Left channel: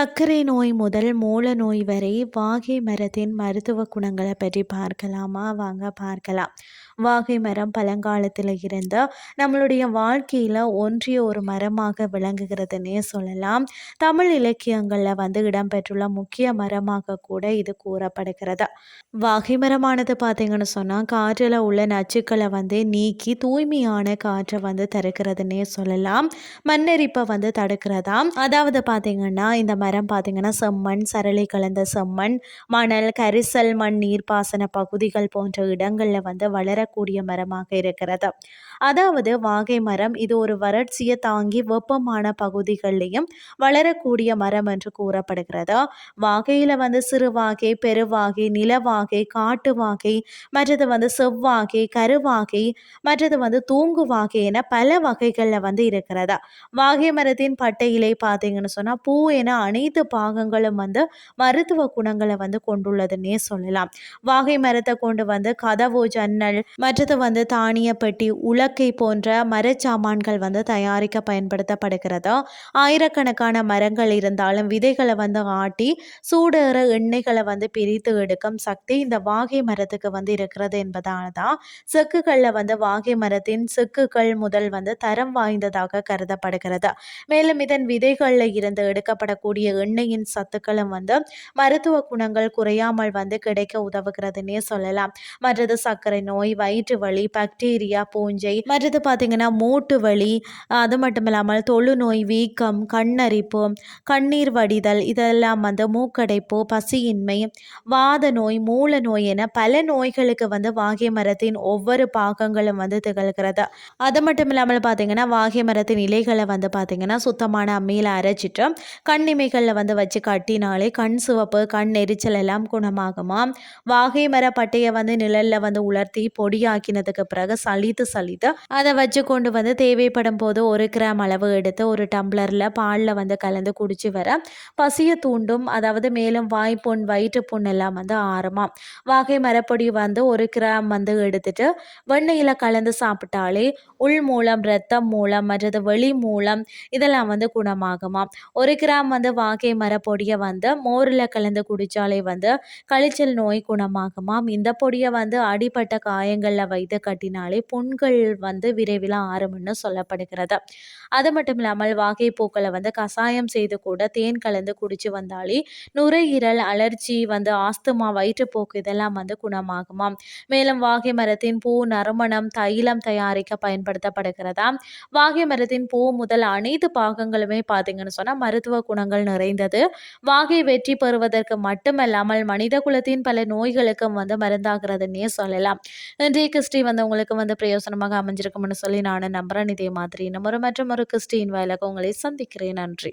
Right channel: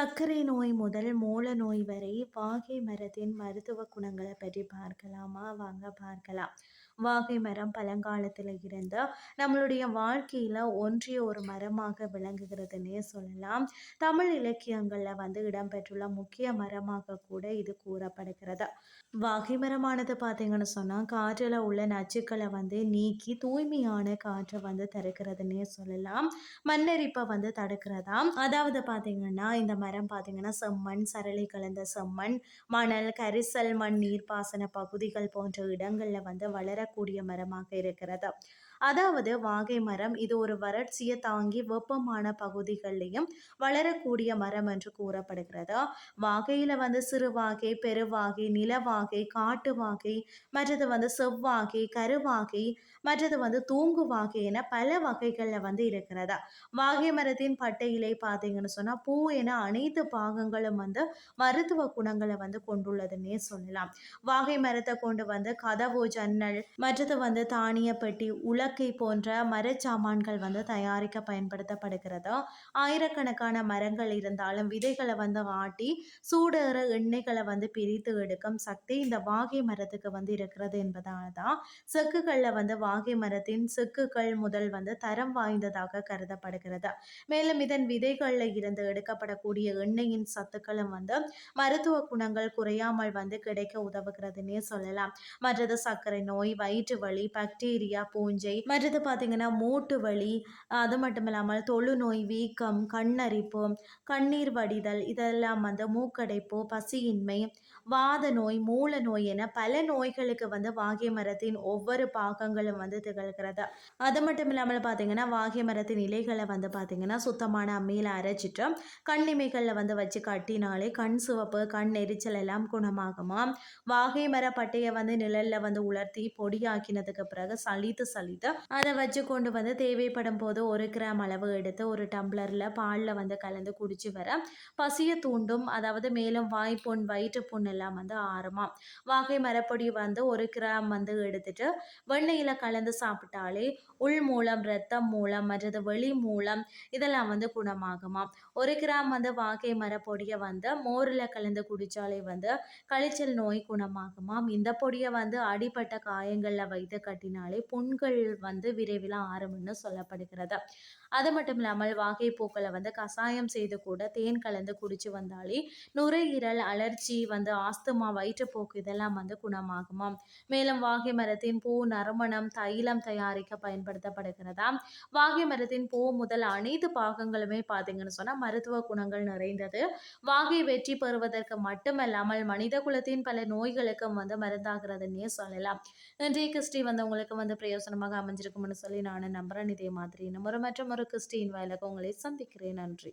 சர்க்கரை நோய் முதல் மூல நோய் வரை வாகை மரத்தின் மருத்துவ குணங்களை பற்றி பார்க்கலாமா? வாங்க பார்க்கலாம். வாகை மரம் பழங்காலத்தில் இருந்து நம்மளுடைய வாழ்க்கையில் ஒன்றிய ஒரு மரமாக விளங்குகிறதுனே சொல்லலாம். தமிழ் இலக்கியங்களில் இடம்பெற்றுள்ள முக்கிய மரமாக கூட இது கூறப்படுகிறது. வாகை மரமானது பார்த்தீங்கன்னு சொன்னால் காற்றில் உள்ள நச்சுக்களை நீக்கி தூய்மையான காற்றை தருகிறதுனே சொல்லலாம். மண்ணெரிப்பை தடுக்கிறதாம். அதாவது பார்த்தீங்கன்னா இந்த மரம் பார்த்தீங்கன்னா செம்மண், சரளை கலந்த செம்மண், மணல், கரிசல் மண், நீர்ப்பாசன பகுதிகள் போன்ற இடங்களில் வளரக்கூடிய மரமாக இருக்கிறது. அதாவது வாகை மரம் இது ஒரு வறட்சியை தாங்கி வெப்பமான பகுதிகளிலையும் வளரக்கூடிய மரம் என்று கூறப்படுகிறது. வாகையில் சிறு வாகை, பெருவாகை, நிலவாகை, காட்டு வாகை, மற்றது செவ்வாகை, கருவாகை, மற்றது தூங்கு வாகை என பல வகைகளில் இருக்கிறதா. வாகை மரத்தின் பட்டையிலை பார்த்தீங்கன்னு சொன்னால் பூ என அனைத்து பாகங்களும் மருத்துவ குணங்களை கொண்டுள்ளதுன்னே சொல்லலாம். வாகை மரத்தை கொண்டு கதவு, ஜன்னல், மற்றது தானிய பெட்டி, உலக்கை போன்ற மரச்சாமான்கள் தயாரிக்க பயன்படுத்தப்படுகிறது. ஆயிரக்கணக்கான மரங்கள் இருந்தாலும் விதைகளை ஆட்டி சூடேற எண்ணெய்களை பிரித்து எடுக்கும் சக்தி இந்த வாகை மரத்துக்கு இருக்கிறது என்பதால தான் செக்குகளில் வாகை மரத்தின் செக்குகள் முதல் தரம் வாய்ந்ததாக கருதப்படுகிறது. மேலும் இதன் விதைகளில் இருந்து எடுக்கப்படக்கூடிய எண்ணெயின் சத்துக்களும் மருத்துவ குணங்கள் குறையாமல் கிடைக்க உதவுகிறதுனே சொல்லலாம். மற்றது சர்க்கரை நோய், வயிற்று வலி, பாக்டீரியா, பூஞ்சை, மற்றது பார்த்தீங்கன்னா மூட்டு வலி, அது மட்டும் இல்லாமல் தொழுநோய், வீக்கம், கண்ணரிப்பு, கண்ணீர் வடிதல், இதெல்லாம் மூக்கடைப்பு, பசியின்மை, வாத நோய், மூல நோய் என பல நோய்களுக்கு வாகை மரத்தின் ஒவ்வொரு பாகங்களும் திகழ்கிறது. அது மட்டும் இல்லாமல் பார்த்தீங்கன்னா வாகை மரத்தின் இலைகளை பார்த்தீங்கன்னா சுத்தமான அம்மியில் அரைச்சிட்டு கண்ணிமைகளில் வச்சு கட்டினாலே கண் சிவப்பு, கண் எரிச்சல் எல்லாம் குணமாகுமா. வாகை மர பட்டையை நிழலில் உலர்த்தி பொடியாக்கினதுக்கு பிறகு சலித்து அதை வச்சு கொண்டு தேவைப்படும் போது 1 கிராம் அளவு எடுத்து ஒரு டம்ளரில் பாலில் கலந்து குடிச்சு வர பசியை தூண்டும். அதாவது மேலும் வாய்ப்புண், வயிற்று புண் எல்லாம் ஆறுமா. வாகை மரப்பொடி 1 கிராம் எடுத்துட்டு வெண்ணெயில் கலந்து சாப்பிட்டாலே உள் மூலம், இரத்தம் மூலம், மற்றது வெளி மூலம் இதெல்லாம் குணமாகுமா. 1 கிராம் வாகை மரப்பொடியை மோரில் கலந்து குடித்தாலே கழிச்சல் நோய் குணமாகுமாம். இந்த பொடியை அடிப்பட்ட காயங்களில் வைத்து கட்டினாலே புண்கள் விரைவில் ஆறும்னு சொல்லப்படுகிறது. அது மட்டும் இல்லாமல் வாகை பூக்களை கசாயம் செய்து கூட தேன் கலந்து குடிச்சு வந்தாலே நுரையீரல், அலர்ஜி, ஆஸ்துமா, வயிற்றுப்போக்கு இதெல்லாம் குணமாகுமாம். மேலும் வாகை மரத்தின் பூ நறுமணம் தைலம் தயாரிக்க பயன்படுத்தப்படுகிறதா. வாகை மரத்தின் பூ முதல் அனைத்து பாகங்களுமே பார்த்தீங்கன்னு சொன்னால் மருத்துவ குணங்கள் நிறைந்தது. வாகை வெற்றி பெறுவதற்கு மட்டுமல்லாமல் மனித குலத்தின் பல நோய்களுக்கும் மருந்தாகிறதுன்னே சொல்லலாம். இன்றைய கிறிஸ்டி உங்களுக்கு பிரயோசனமாக அமைஞ்சிருக்கும்னு சொல்லி நான் நம்புறேன். இதே மாதிரி நம்ம மற்றும் ஒரு கிறிஸ்டின் வாயிலாக உங்களை சந்திக்கிறேன். நன்றி.